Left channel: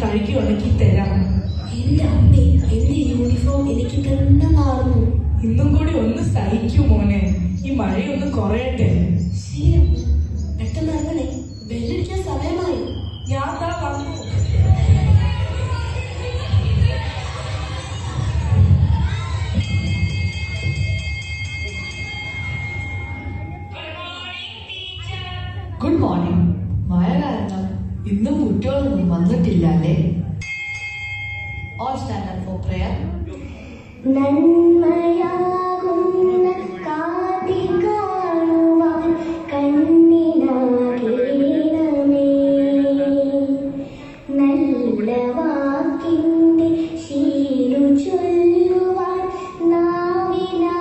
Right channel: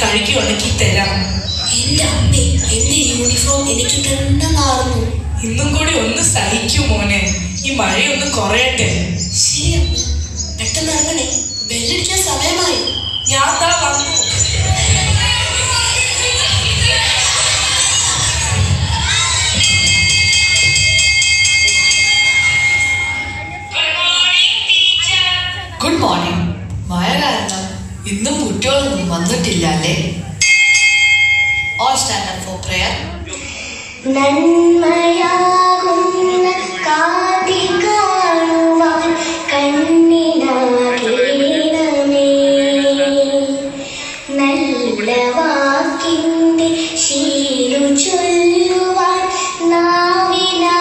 കഴുകി ഉണക്കി തരാം. എന്റെ അമ്മേ, എന്റെ യൂണിഫോം എനിക്ക് തന്നെ നാറുന്നു. ഇന്നും കൂടി ഒന്ന് സഹിക്കൂ മോനെ, ഈ മഴയൊന്ന് കുറയട്ടെ. ശരി അമ്മ, പെട്ടെന്ന് ഇറങ്ങണേ, ബെല്ലടിക്കാൻ സമയമായി. ഞാൻ താ വന്നു. Good morning. മഴ കാരണം ഇന്നും കുട്ടികളൊന്നും വന്നിട്ടില്ല അല്ലേ? All stand up for prayer. നന്മയാകുന്ന കാതി കാണുവാൻ കണ്ണിനാകേണമേ, നല്ല വാക്കിന്റെ ശീലു ചൊല്ലുവാൻ നാവിനാകേണമേ,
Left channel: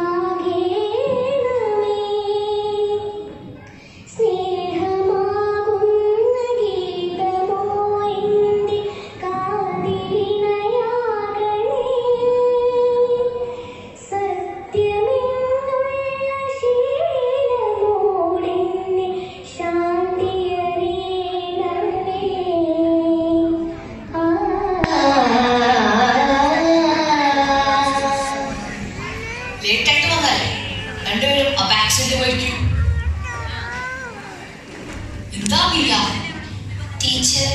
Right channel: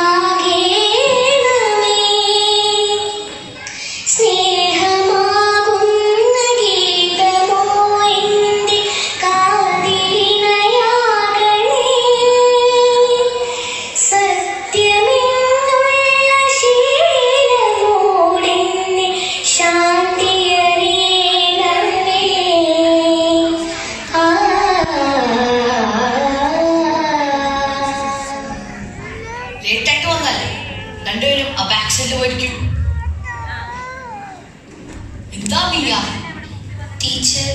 സ്നേഹമാകുന്ന ഗീതമോ എന്റെ കാതിലിണയാകണേ, സത്യമെന്നുള്ള ശീലമോടെന്നെ ശാന്തിയറിയണമേ. ലേറ്റായിട്ട് വന്നല്ലേ, രണ്ടുപേരും ആ ബാക്ക് സൈഡിൽ പോയിരിക്കും. എന്താ മിയ? ടീച്ചർ,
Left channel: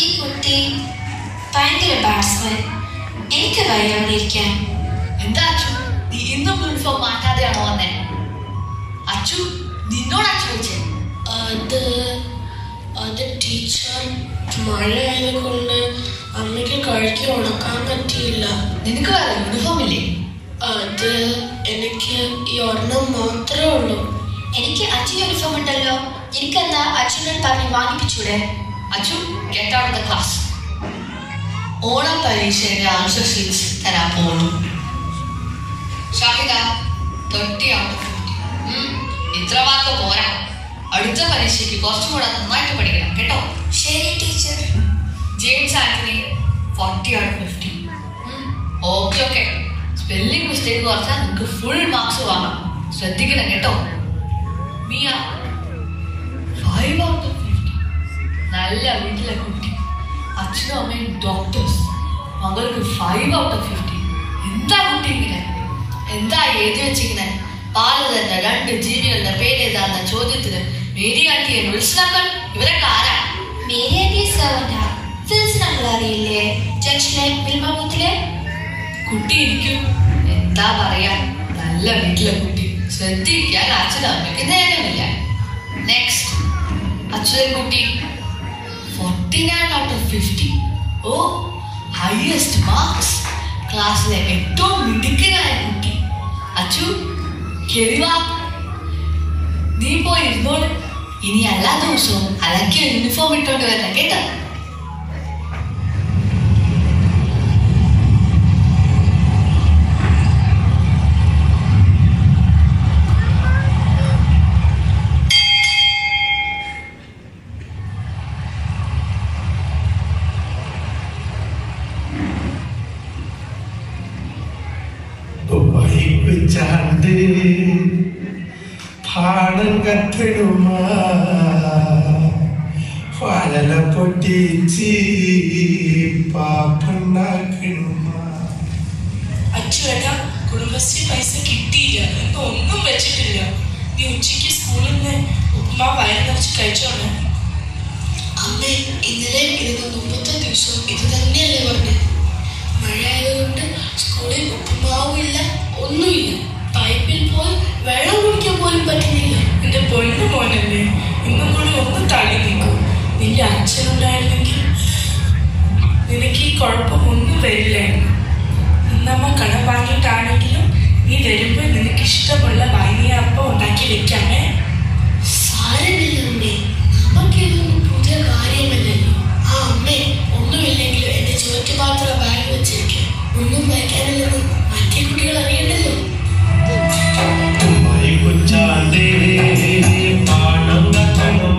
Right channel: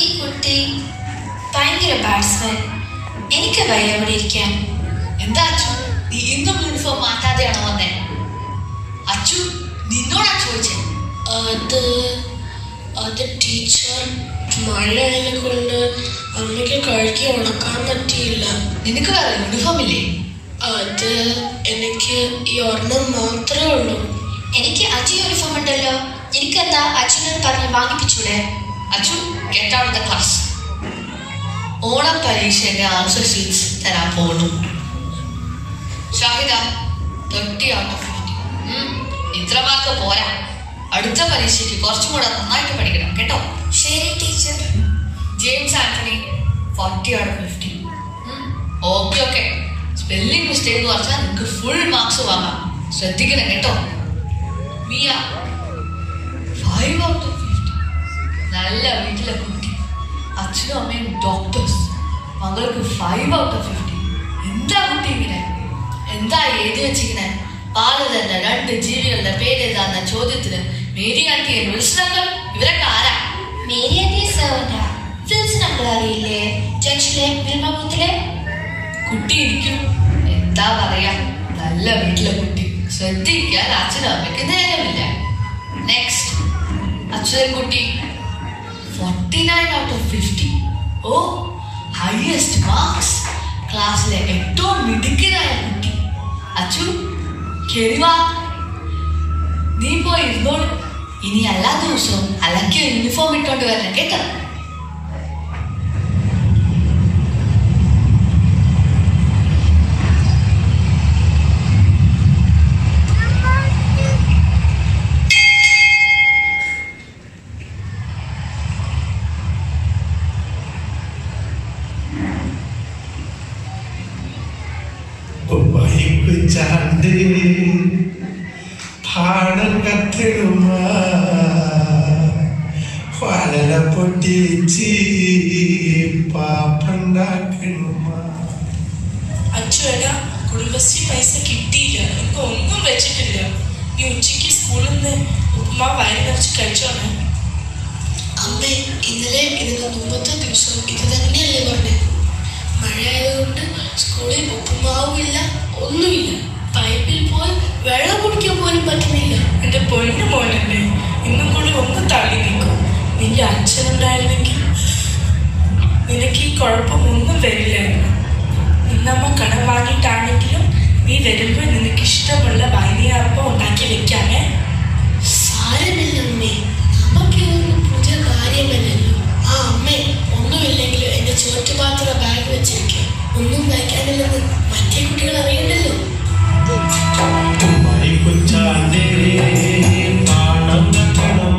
ഈ കുട്ടി ഭയങ്കര ബാറ്റ്സ്മാൻ. എനിക്ക് വയ്യ അവിടെ ഇരിക്കാൻ. എന്താ അച്ചു, നീ ഇന്നും യൂണിഫോം മാറ്റാതെയാണോ വന്നേ? അച്ചു, നിന്നോടാ ചോദിച്ചേ? അത് ടീച്ചർ, മഴയായതിനെ കൊണ്ട് അമ്മയ്ക്ക് കഴുകി ഉണക്കാൻ പറ്റിയില്ല. നിനക്ക് വേറെ യൂണിഫോം ഇല്ലേ? അത് എനിക്ക് ഈ ഒരെണ്ണം മാത്രമേ ഉള്ളൂ. എനിക്ക് അച്ഛൻ യൂണിഫോം ഉണ്ടല്ലോ, എനിക്കെന്താ അച്ഛനോട് പറഞ്ഞ് വാങ്ങിപ്പിച്ചൂടെ? Achu, get out of the class. Onam പരീക്ഷയുടെ ആൻസർ ഷീറ്റ്സ് തരാൻ പോണു. Shahida, 30 out of 50. ഇത്ര മാർക്ക് പോരാ, അടുത്ത പരീക്ഷയ്ക്ക് കുറച്ചും കൂടെ നന്നായിട്ട് പഠിക്കണം കേട്ടോ. ശരി teacher. James Antony, 40 out of 50. Okay, spelling mistake കുറച്ചാൽ നിങ്ങൾക്ക് ഫുൾ മാർക്സ് വാങ്ങാം, ശ്രദ്ധിക്കണം കേട്ടോ. Miya, 5 out of 50. നല്ല വീട്ടിലെ കുട്ടി, അച്ഛനും അമ്മയും ഡോക്ടേഴ്സ്, മകൾക്ക് 5 out of 50. എന്താ കുട്ടി ഇങ്ങനെ? എന്താ എഴുതി വെച്ചിങ്ങനെ? പാല് തന്ന 2 ജീവികളുടെ പേരേതാന്ന ചോദ്യത്തിന് മേരി ആന്റിയെ വിളിച്ചതാക്കൾ ഇവരൊക്കെ ആരാ? Mary anti സെർവന്റാ. ഫിൽസ് നമ്മൾ അറിയില്ലേ, ജംഗ്ഷനിലെ മിൽമ ബൂത്തിലെ കുട്ടി ഇരിക്കും. എന്താ പറയാ, നല്ല വീട്ടിലെ കുട്ടി, ശ്രദ്ധിക്കാൻ അച്ഛനും അമ്മയ്ക്ക് നേരമില്ല. നെക്സ്റ്റ്, അച്ഛൻ കുട്ടി 49 out of 50. ഓ, ഹയസ്റ്റ് മാർക്സ്. ക്ലാസ്സിലെ ഏറ്റവും മിടുക്കനായ കുട്ടി. അച്ചു, കേറിവാ. നീ പോയി ഇരുന്നോളൂ. ഇനി എല്ലാ ദിവസവും അലക്കിയ യൂണിഫോം ഇട്ടോണ്ട് വരണം കേട്ടോ. ചാണ്ട് പാടം കത്തിടുമ വളല പൊട്ടിച്ച് പാപ്പുണ്ടാക്കണുമ. അച്ചുവേട്ടാ, കുടുംബശ്രീ പൈസ കിട്ടിയില്ല, ഇന്ന് ഒന്നും വെച്ചിട്ടില്ല. നീ ഉച്ചയ്ക്ക് സ്കൂളിൽ നിന്ന് ഉപ്പുമാ വയറ് നിറച്ച് കഴിച്ചോണേ. അമ്മേ, ഇന്നലെ ഇതിന് മുമ്പത്തെ ദിവസം ഇത് തന്നെയല്ലേ പറഞ്ഞത്? മഴയായതുകൊണ്ട് സ്കൂളിൽ ഉപ്പുമാവുമില്ല, ഒന്നുമില്ല. പൈപ്പിൽ പോയി വെള്ളം കുടിക്കാൻ പോലും പറ്റുന്നില്ല. എന്റെ പൊന്നു മോനല്ലേ, ഇന്നും കൂടി ഒന്ന് തള്ളി നിൽക്കും. നിന്റെ അച്ഛനുണ്ടായിരുന്നെങ്കിൽ നിനക്ക് ഈ കുഴപ്പമൊന്നും വരില്ലായിരുന്നു. ഇന്നമ്മ കടം വാങ്ങിയിട്ടാണെങ്കിലും നീ വരുമ്പോൾ നിനക്ക് ഇഷ്ടമുള്ള വൈനിയപ്പം ഉണ്ടാക്കി വെക്കാമേ. സാരമില്ല അമ്മേ, നമുക്ക് ഇതൊന്നും പുതിയ കാര്യമല്ലല്ലോ. ആ അമ്മേ, ഒന്നുമില്ലെങ്കിലും എന്റെ ചോറ്റുപാത്ര ബാഗ് വെച്ചിരിക്കും. ഒന്നും വയ്ക്കാനില്ലെന്ന് മറ്റേ കുട്ടികൾ അറിയണ്ടല്ലോ. ചാണ്ടേ പാടം കത്തണുമ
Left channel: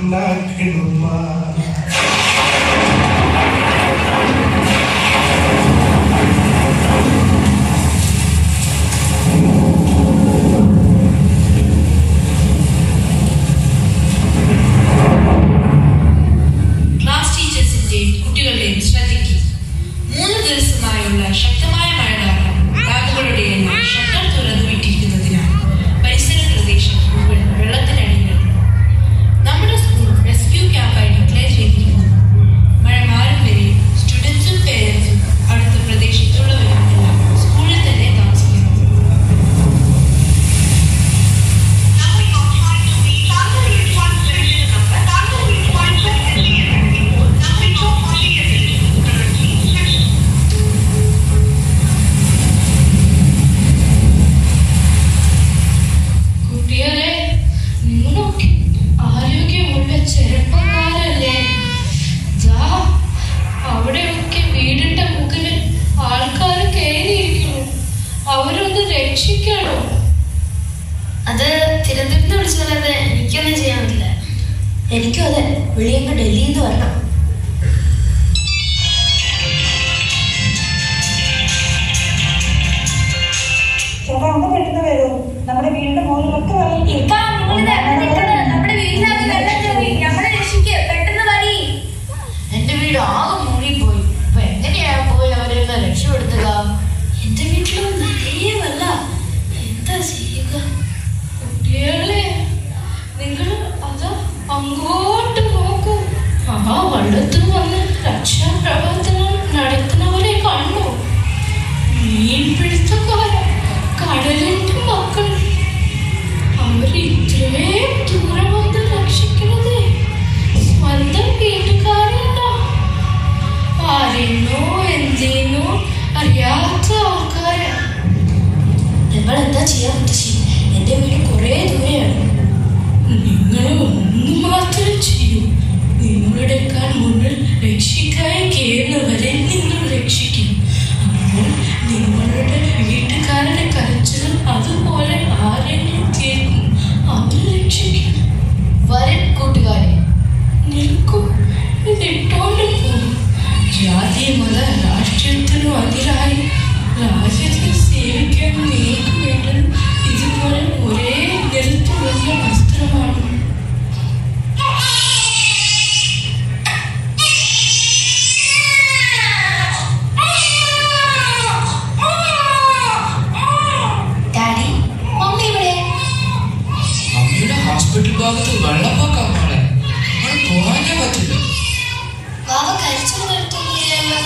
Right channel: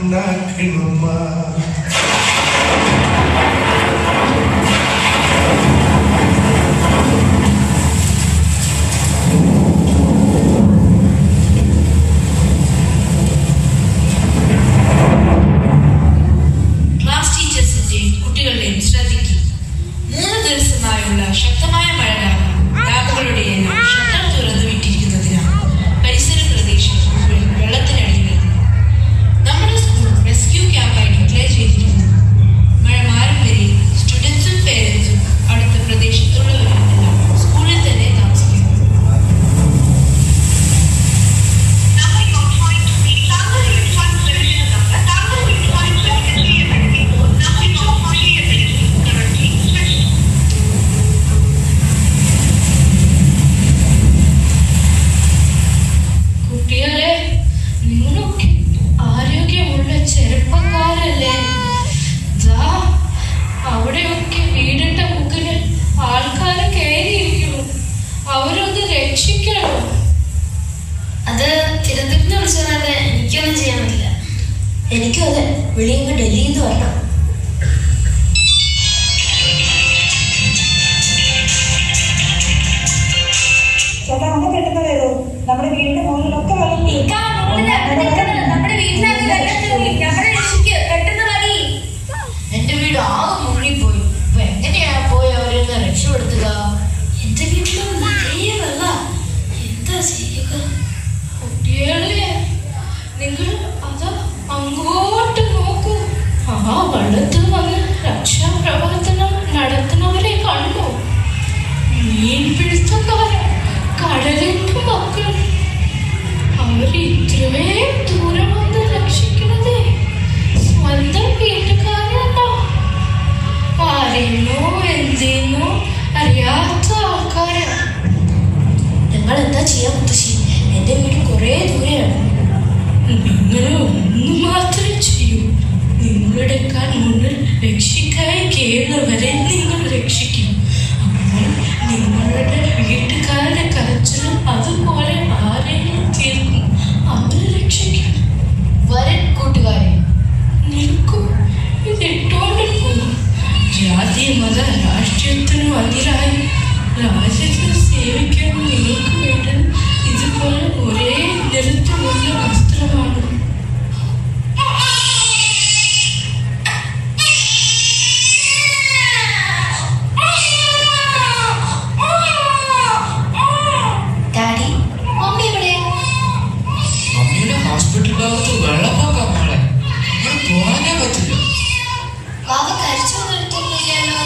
നന്നാക്കണുമ്മ. ക്ലാസ് ടീച്ചേഴ്സിന്റെയും കുട്ടികളുടെയും ശ്രദ്ധയ്ക്ക് 3 ദിവസമായുള്ള ശക്തമായ മഴ കാരണം ഡാമുകളുടെ എല്ലാം ഷട്ടർ തുറന്നു വിട്ടിരിക്കുന്നതിനാൽ പരിസര പ്രദേശം മുഴുവൻ വെള്ളത്തിനടിയിലിരുന്നു. നമ്മുടെ സ്കൂൾ റെസ്ക്യൂ ക്യാമ്പായി ഡിക്ലെയർ ചെയ്തിരിക്കുന്നു. മഴ മാറും വരെ സ്റ്റുഡൻസും പേരൻസും അടുത്ത പ്രദേശത്തുള്ളവരുമെല്ലാം സ്കൂളിൽ തന്നെ താമസിക്കുന്നു. കുട്ടികളെ, നിങ്ങളൊക്കെ ആരോഗ്യമുള്ള ചെറുപ്പക്കാരല്ലേ? ദാ അവിടെയൊക്കെ വീടിന്റെ മുകളിൽ ആൾക്കാർ കയറിയിരിക്കുന്നു. അവരൊന്ന് രക്ഷിക്കണം. അത് തിരുവനന്തപുരത്ത് വിളിച്ചോളാതെ എനിക്കൊന്നും ചെയ്യാൻ പറ്റില്ല. എനിക്കും അതെ, വിളിയുമ്പോൾ ഡൽഹിയിൽ നിന്ന് വരണം. ചേട്ടാ ഒന്ന് പെട്ടെന്ന് വരൂ. നമ്മുടെ വീടിന്റെ മുകളിലൊക്കെ നമ്മുടെ വീട്ടിനകത്ത് വെള്ളം കയറി. ഞങ്ങളെ രക്ഷിക്ക്, പെട്ടെന്ന് വരി. എന്റെ വീട് ആകെ മുങ്ങിപ്പോയി. അപ്പൊ എങ്ങനെയാ പോയി അവരെന്ന് രക്ഷപ്പെടുത്തുക? എന്റെ വീട്ടിലും നിറയെ വെള്ള. എന്താ ചെയ്യുക? കുട്ടികളെ, നിങ്ങൾ അത് അങ്ങോട്ട് നോക്കൂ. ആ വെള്ളത്തിൽ വന്ന് രക്ഷാപ്രവർത്തനം നടത്തുന്നവരെ കണ്ടു. മീൻപിടുത്തക്കാരൻ, കടലിന്റെ മക്കൾ, അവർ ഇത്രയും ദൂരം വന്ന് രക്ഷിക്കണത് സ്വന്തം വീട്ടുകാരല്ല. ആരെന്നോ എന്തിനോ അറിയാത്ത ആൾക്കാരാണ്. ഞങ്ങൾ എന്താ ചെയ്യാൻ പറ്റി? എന്റെ വീട് കുറെ ദൂരെയാണ്. നിങ്ങൾ ഒന്നു മാത്രം ചെയ്യൂ. നിങ്ങളുടെ കാൽ മുന്നിൽ രക്ഷിക്കായി കയറുന്നവരെ നിങ്ങൾ രക്ഷിക്കും. അപ്പോൾ നിങ്ങളുടെ വീട്ടുകാരുടെ കരച്ചിലും അതുപോലെ ആരെയും തീർക്കും. അത് രക്ഷിക്കും. വരൻ കൂട്ടുകാരെ, നിൽക്കൂ, ഇതിട്ടോണ്ട് പോകും. ജാതി മത രാഷ്ട്രീയത്തിനും അതിരായി രാജ്യത്തെ സേവിക്കാൻ നിങ്ങൾക്ക് വേണ്ടത് ഇതുപോലെ ഒരേ നിറത്തിലുള്ള വസ്ത്രമാണ്. ഡാഡി, മമ്മി ഇവിടെ? മമ്മിയുടെ ഹോസ്പിറ്റൽ ഭാഗത്ത് വെള്ളപ്പൊക്കം മോളെ. അവിടെ പോകാനേ പറ്റില്ല. ബാബ കരച്ചൊന്നും എടുത്തൊന്നുമില്ലല്ലോ.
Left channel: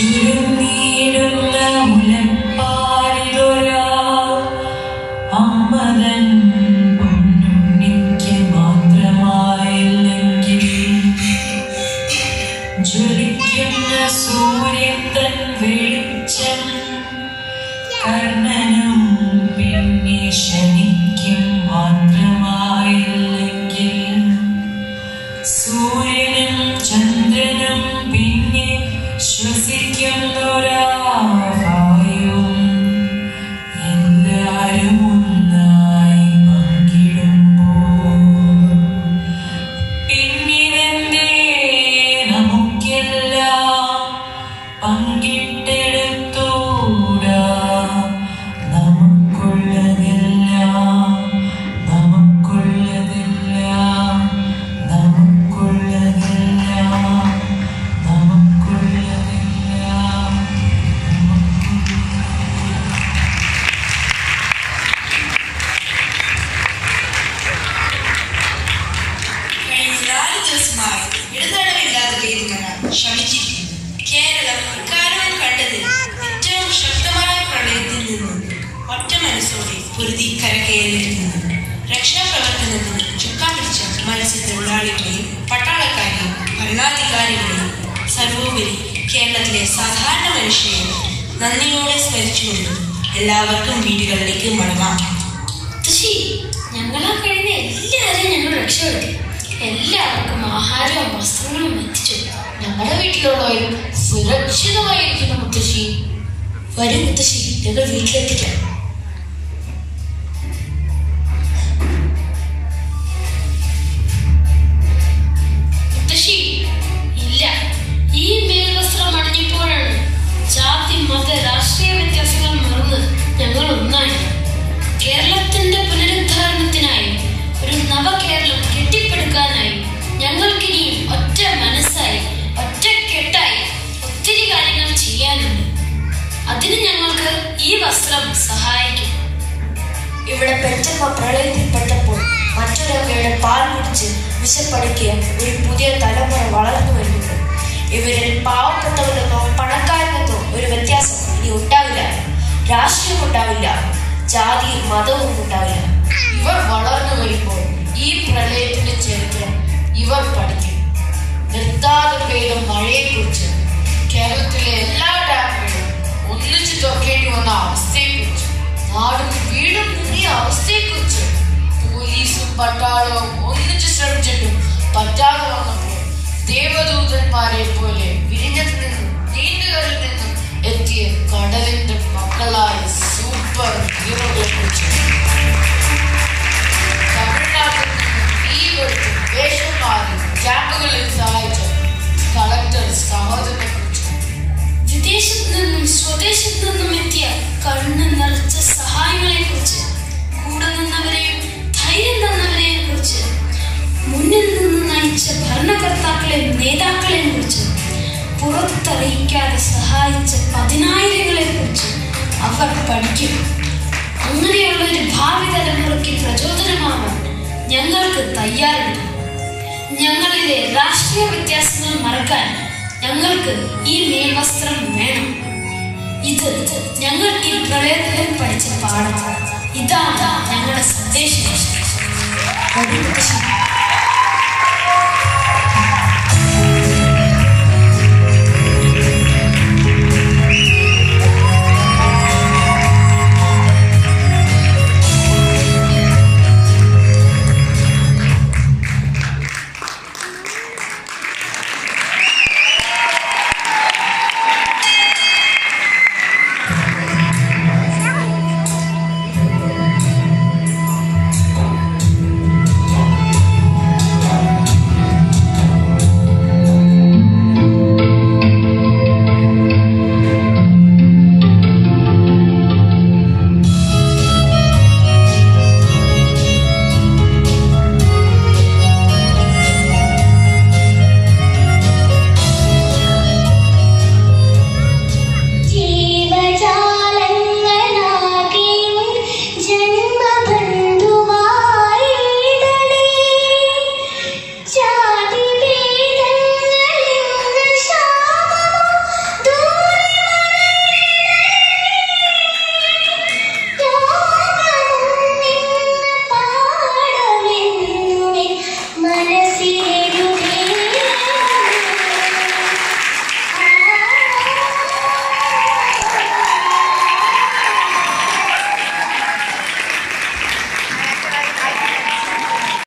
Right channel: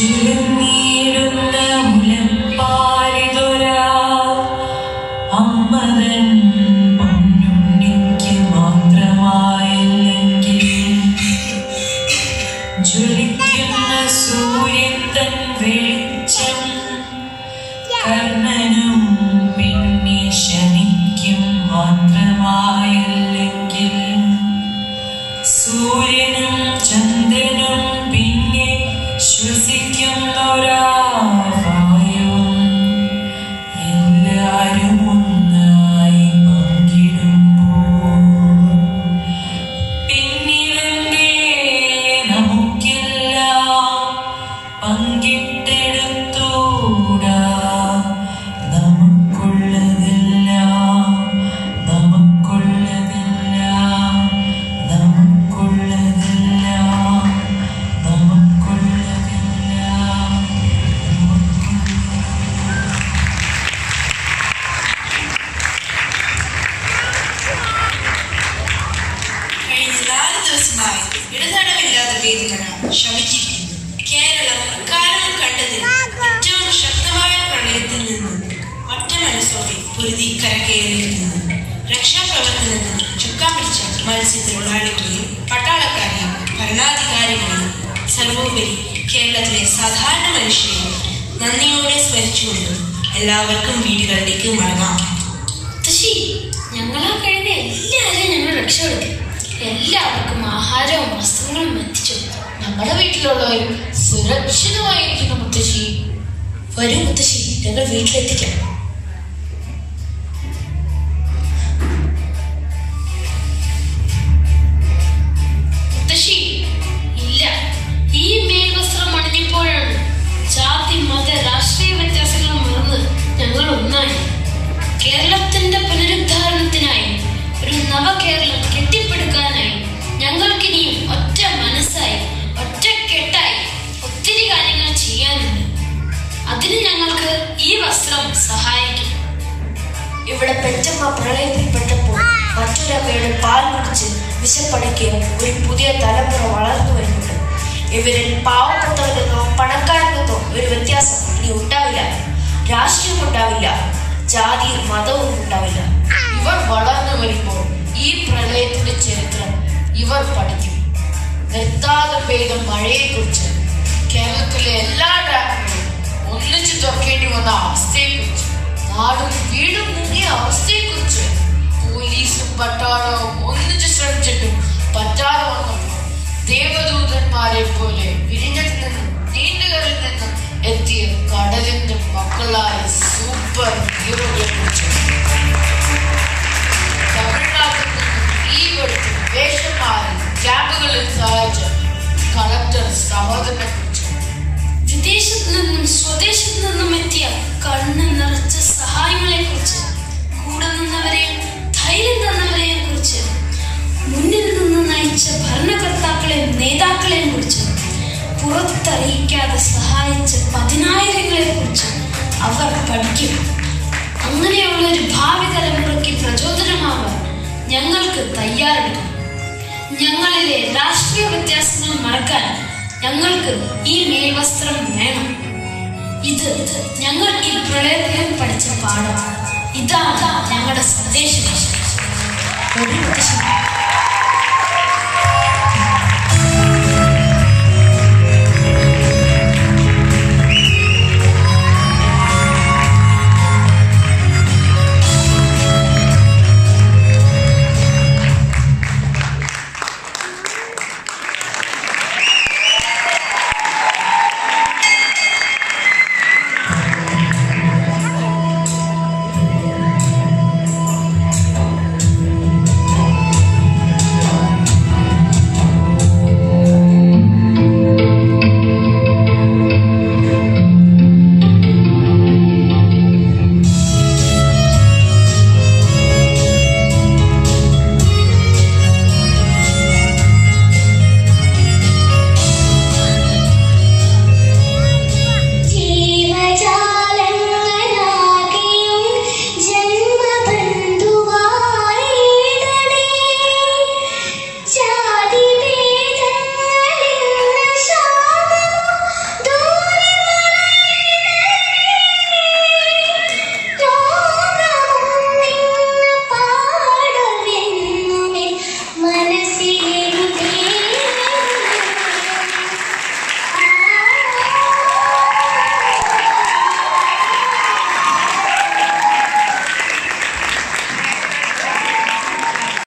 ചുരുങ്ങിയിടുന്ന മുലപ്പാരിതൊരാ അമ്മതൻ പൊന്നുണ്ണിക്ക് മാത്രമായില്ലെങ്കിൽ ജ്വലിക്കുന്ന സൂര്യൻ തൻ വെളിച്ചം കർണനും പിന്നെ ശനിക്കും മാത്രമായില്ലെങ്കിൽ സൂര്യനും ചന്ദ്രനും പിന്നെ ശ്വസിക്കുന്നൊരാ വായും എല്ലാരും ഒന്നായി പങ്കിടുമ്പോൾ പിന്നിലെന്തേ നമുക്കെല്ലാം പങ്കിട്ടെടുത്തൂടാ? നമുക്കുള്ളതെല്ലാം നമുക്കുള്ളതെല്ലാം നമുക്കുള്ളതെല്ലാം നമുക്കുള്ളതെല്ലാം. കഴിഞ്ഞ 4 ദിവസമായി ഇടതടവില്ലാതെ പെയ്ത മഴ ശമിച്ചിരിക്കുന്നു. കേരളം അക്കാലം കണ്ടത് ഏറ്റവും ശക്തമായ പ്രളയത്തിൽ നിന്നും ഒറ്റ മനസ്സോടെ പൊരുതി കരകയറിയിരിക്കുന്നു. രക്ഷാപ്രവർത്തനത്തിന് ചുക്കാൻ പിടിച്ച മത്സ്യത്തൊഴിലാളികളെയും പട്ടാളക്കാരെയും ഭരണാധികാരികളെയും സർവോപരി കേരളത്തിലെ സാധാരണ മനുഷ്യരെയും നന്ദിയോടെ സ്മരിച്ചുകൊണ്ട് എല്ലാവർക്കും വീടുകളിലേക്ക് മടങ്ങാം. ആഹാരവും വസ്ത്രങ്ങളും എത്തിച്ചു. ഞങ്ങളുടെ വീട്ടിലുള്ളവരും സുരക്ഷിതമായിരിക്കുന്നു മുത്തശ്ശി. വരൂ മുത്തശ്ശി, ഞങ്ങൾ വീട്ടിലെത്തിക്കാം. മുത്തശ്ശി, ഇല്ല, ഈ മേൽവസ്ത്രം അണിഞ്ഞപ്പോഴാണ് ജാതി മത രാഷ്ട്രീയ വ്യത്യാസങ്ങൾ മറന്ന് ഞങ്ങൾ ഒന്നായി. കേരളത്തിന്റെ പുനരുദ്ധാരണത്തിനായി, ഒരു നവകേരളം കെട്ടിപ്പടുക്കാനായി ഞങ്ങൾക്കിനിയും ഒറ്റ മനസ്സായി ഒറ്റക്കെട്ടായി ഒത്തിരി കാര്യങ്ങൾ ചെയ്യാനുണ്ട്. അതിന് ഞങ്ങൾക്ക് ഈ വസ്ത്രം സഹായിക്കും. ഇവിടെ പെറ്റമ്മ പ്രളയത്തിൽപ്പെട്ടപ്പോൾ മറ്റൊരമ്മയുടെ പാൽ കുടിച്ച് വിശപ്പടിക്ക് ഒരു പുതിയ തലമുറ വളർന്നു വരുന്നുണ്ട്. ഇവരിൽ പാവപ്പെട്ടവരെന്നോ പണക്കാരെന്നോ ഒരു വ്യത്യാസം ഇനി ഉണ്ടാവില്ല. രാഷ്ട്രീയം ഉണ്ടാവില്ല, ജാതിയും മതവും ഉണ്ടാവില്ല. ഇവർ വളർന്നു വരുമ്പോൾ ഈ പ്രളയത്തിന്റെ ചരിത്രം ഇവർ പഠിക്കും. നിർത്താതെ പെയ്ത മഴയെക്കുറിച്ച്, കേരളത്തിലെ എല്ലാ ഡാമുകളും ഒന്നിച്ചു തുറക്കേണ്ടി വന്ന അവസ്ഥയെക്കുറിച്ച്, നാടും വീടും മുങ്ങിയ അവസ്ഥയെക്കുറിച്ച്, പോലീസും പട്ടാളവും ഒന്നിച്ചു ശ്രമിച്ചിട്ടും പറ്റാതെ വന്നപ്പോൾ ദേവദൂതന്മാരെ പോലെ വിഴിഞ്ഞത്തിൽ നിന്നും നീണ്ടുകരയിൽ നിന്നും എത്തിയ കടലിന്റെ മക്കളായ സൂപ്പർ ഹീറോകളെ കുറിച്ച്, തമിഴ്നാട്ടിൽ നിന്നും തീവെടുത്ത് വേഷം മാറി ക്യാമ്പുകളിൽ സഹായിച്ച കളക്ടർ സഹോദരനെ കുറിച്ച്, വിദേശത്തു നിന്നും സ്വദേശത്തു നിന്നും എത്തിയ കണ്ണ് നിറച്ച സഹായങ്ങളെ കുറിച്ച്, കൂടെ നിന്നവരെയും ധൈര്യം തന്നവരെയും കുറിച്ച്, മുന്നിൽ നിന്ന് നയിച്ച ഭരണകർത്താക്കളെയും നേതാക്കളെയും കുറിച്ച്, പുറത്തറിയിക്കാതെ സഹായിച്ച പതിനായിരങ്ങളെ കുറിച്ച് അവർ പഠിക്കും. അങ്ങനെയുള്ള ഒരു ഭാവി തലമുറയ്ക്ക് പ്രചോദനമാവാൻ ഞങ്ങൾക്ക് തയ്യാറുണ്ട്. ഞങ്ങളിലെ രാഷ്ട്രീയ വ്യത്യാസങ്ങൾ മറക്കാൻ ഞങ്ങൾക്ക് ഈ മേൽവസ്ത്രം വേണം. ഇത് ഞങ്ങൾ ഈ പ്രളയത്തിൽ പഠിച്ച പാഠമാണ്. ഇതാണ് ഞങ്ങളുടെ സന്ദേശം. മനസ്സിൽ